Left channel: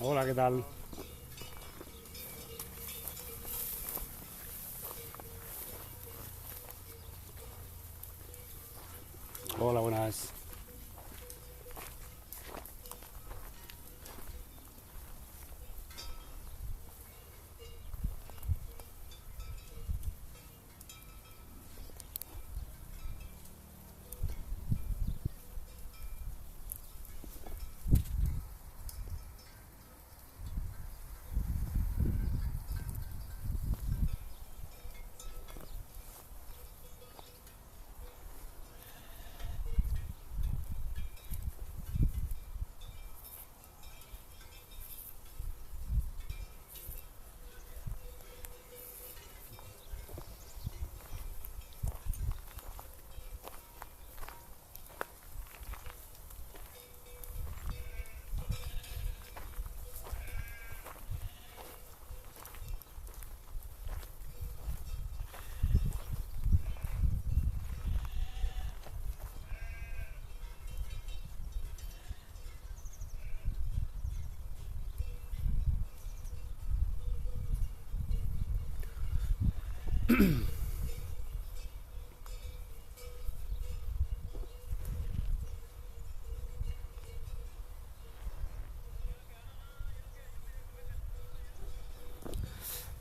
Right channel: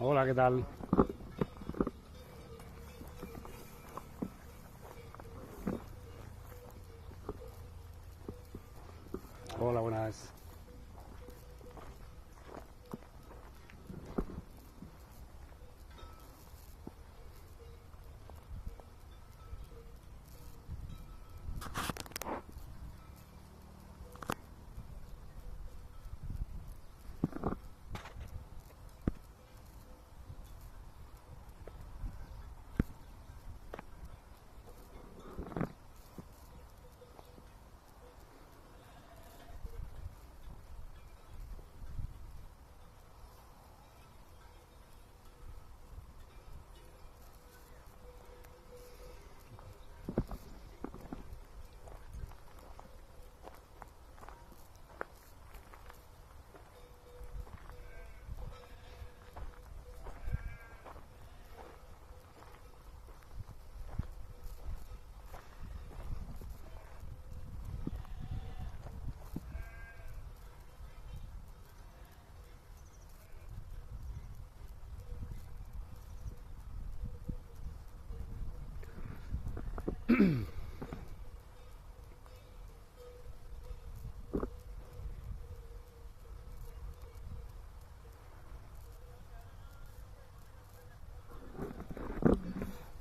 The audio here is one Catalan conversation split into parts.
Hola, ¿qué tal? Hola, buenas.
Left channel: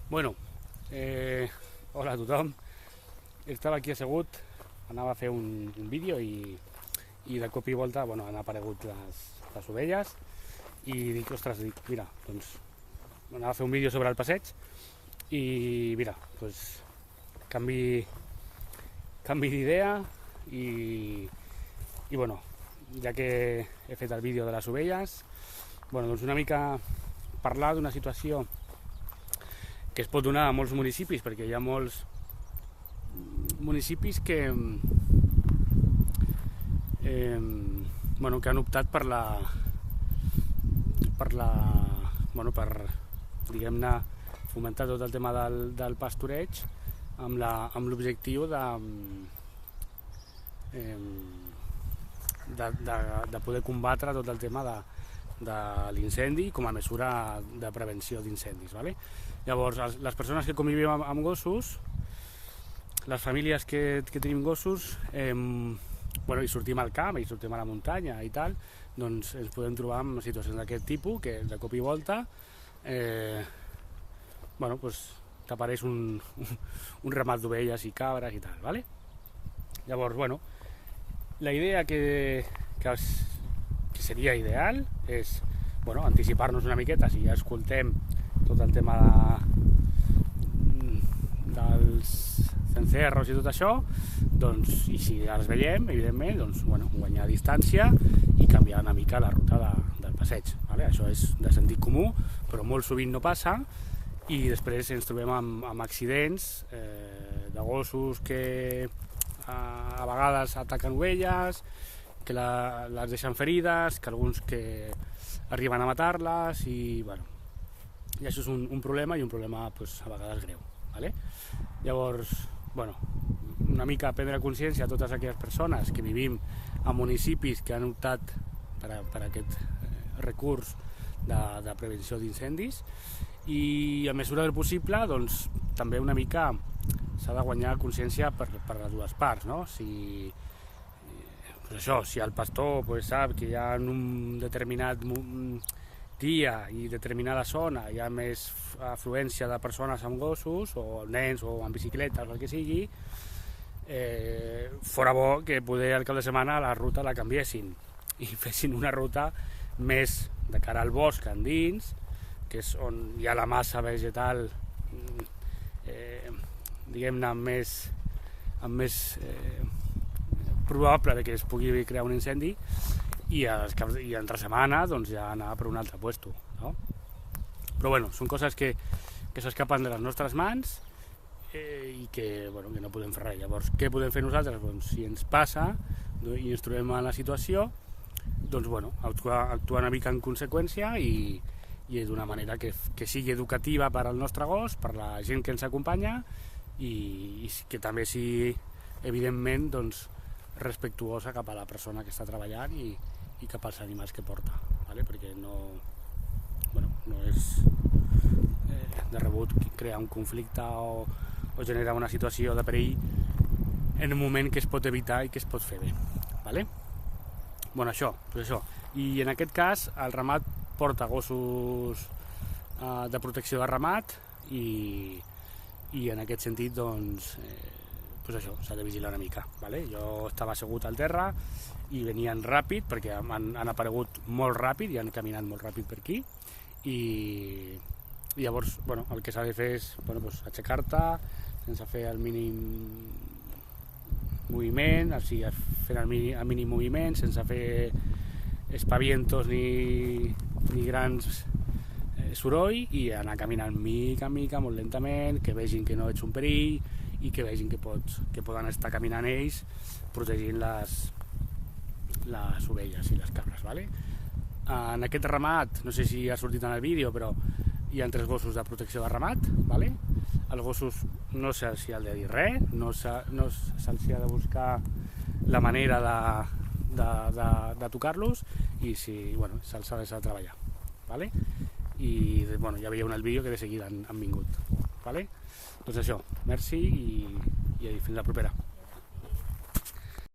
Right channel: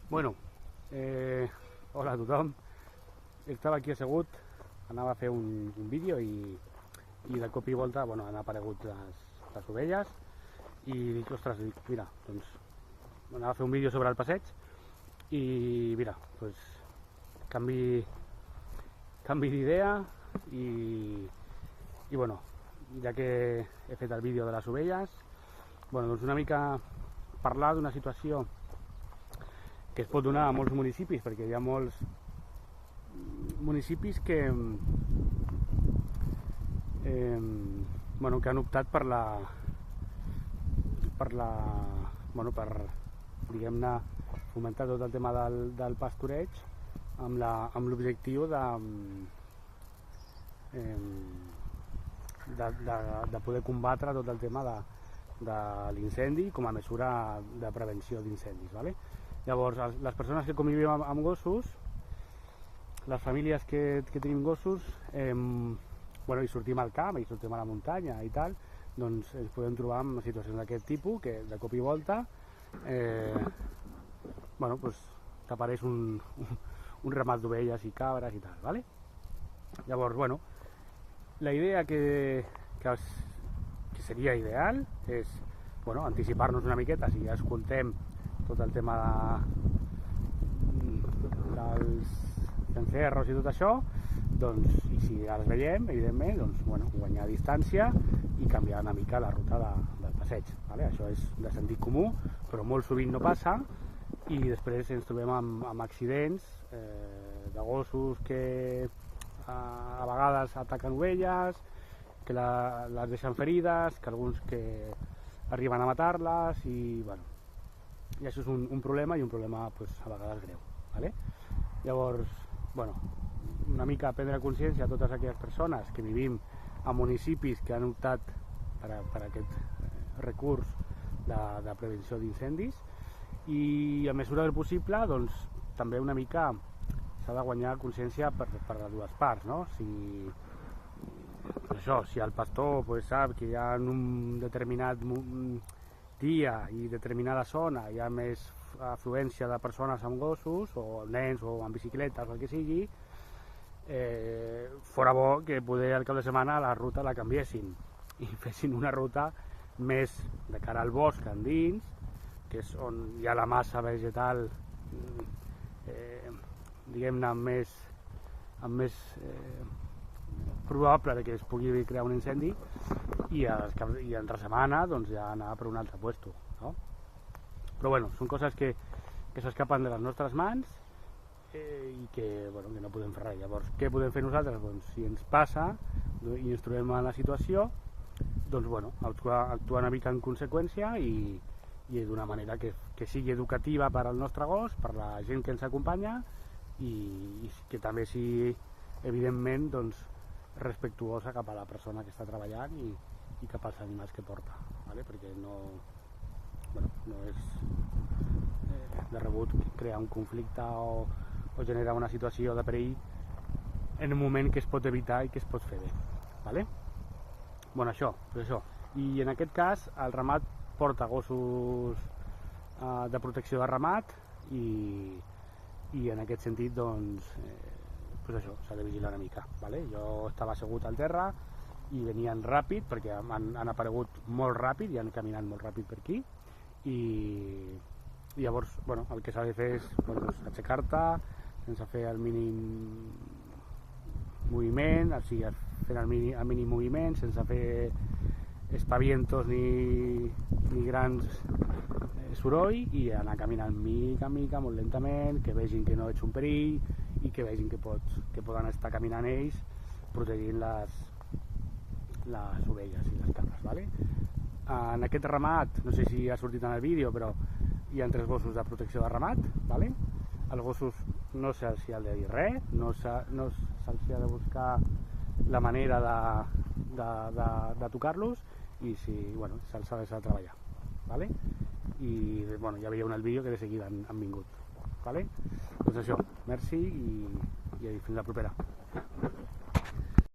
Bueno, hola a tothom. Estava aquí assegut, anava a fer un vídeo i de cop i volta han aparegut les ovelles i ostres, mira, doncs anava a fer un vídeo sobre el passeig i mira, doncs canvi d'idea i ja que he fet el vídeo de les ovelles, doncs una mica parlar d'una situació que es pot donar a molts municipis, perquè hi ha molts municipis que han optat per diguem-ne fomentar tot el tema del pastureig amb l'objectiu de poder combatre tot el tema de l'incendi com a mesura de prevenció d'incendis, ¿vale? Llavors, les persones que convivim amb gossos, les famílies que tenim gossos, i sortim al camp i sortim a la muntanya i tal, doncs ens podem trobar en situacions d'aquest tipus que de cop i volta t'apareix un ramat d'ovelles i cabres i tal, ¿vale? Llavors, la idea que seria ideal és anticipar-nos una miqueta, si ja escoltem tot el tema dels cencerros i tot això, doncs, i si els veiem, evidentment, guanyar distància i canviar una mica la ruta del passeig, ¿vale? Això és de sentit comú, però molt sovint no passa i després ens trobem amb accidents de gossos que a vegades ataquen ovelles, que les deixen ferides, que alguns que arriben a matar-les i això és un problema i un problema a vegades greu, ¿vale? Llavors, una mica prendre consciència a totes aquelles persones que vivim a municipis que han optat per aquest recurs de prevenció d'incendis i a mesura del possible doncs també una mica s'ha de guanyar consciència per les dues parts, no? Si el pastor sap que hi ha en un determinat dia i determinada zona hi ha més afluència de persones amb gossos o nens o amb bicicletes o el que sigui, fora bo que poder el cap de setmana la ruta la canviessin i fessin una ruta més de cara al bosc endins, que és on hi ha la massa vegetal diguem-ne amb més probable que es pugui crear un incendi i entre setmana ja anar per un altre puesto, no? Però són coses que s'escapen de les nostres mans i que no podem fer res. Llavors, què podem fer nosaltres? Si ens passa i ens trobem en la situació, actuar una mica en conseqüència i d'una manera que sigui educativa per al nostre gos, per la gent que ens acompanya i que també sigui, evidentment, respectuosa cap a la persona que està treballant i cap als animals que porta, ¿vale? Perquè bueno, no és de rebut crear un conflicte o generar una situació de perill en un moment que es pot evitar i que es pot fer bé, vale? Bueno, això. I en aquest cas el ramat porta gossos de protecció de ramat i en aquest sentit doncs això, s'ha de vigilar una mica, vale? Jo estava assegut al terra i venien ràpid perquè han aparegut molt ràpid i han caminat molt ràpid per aquí i llavors el que s'ha de fer és aixecar-te sense fer el mínim moviment, o sigui, fent el mínim moviment sense fer espavientos ni grans soroll i anar caminant mica en mica, molt lentament, que vegin que no ets un perill i que vegin que poden estar caminant ells protegint les ovelles i les cabres, vale? En aquest ramat, no sé si ha sortit en el vídeo, però hi ha 3 gossos de protecció de ramat, vale? Els gossos no se'ls ha de dir res, no se'ls ha de buscar la manera de tocar-los i se'ls ha de deixar treballar, vale? I ja veieu en el vídeo que de seguida han vingut, vale? Doncs això, merci i fins la propera.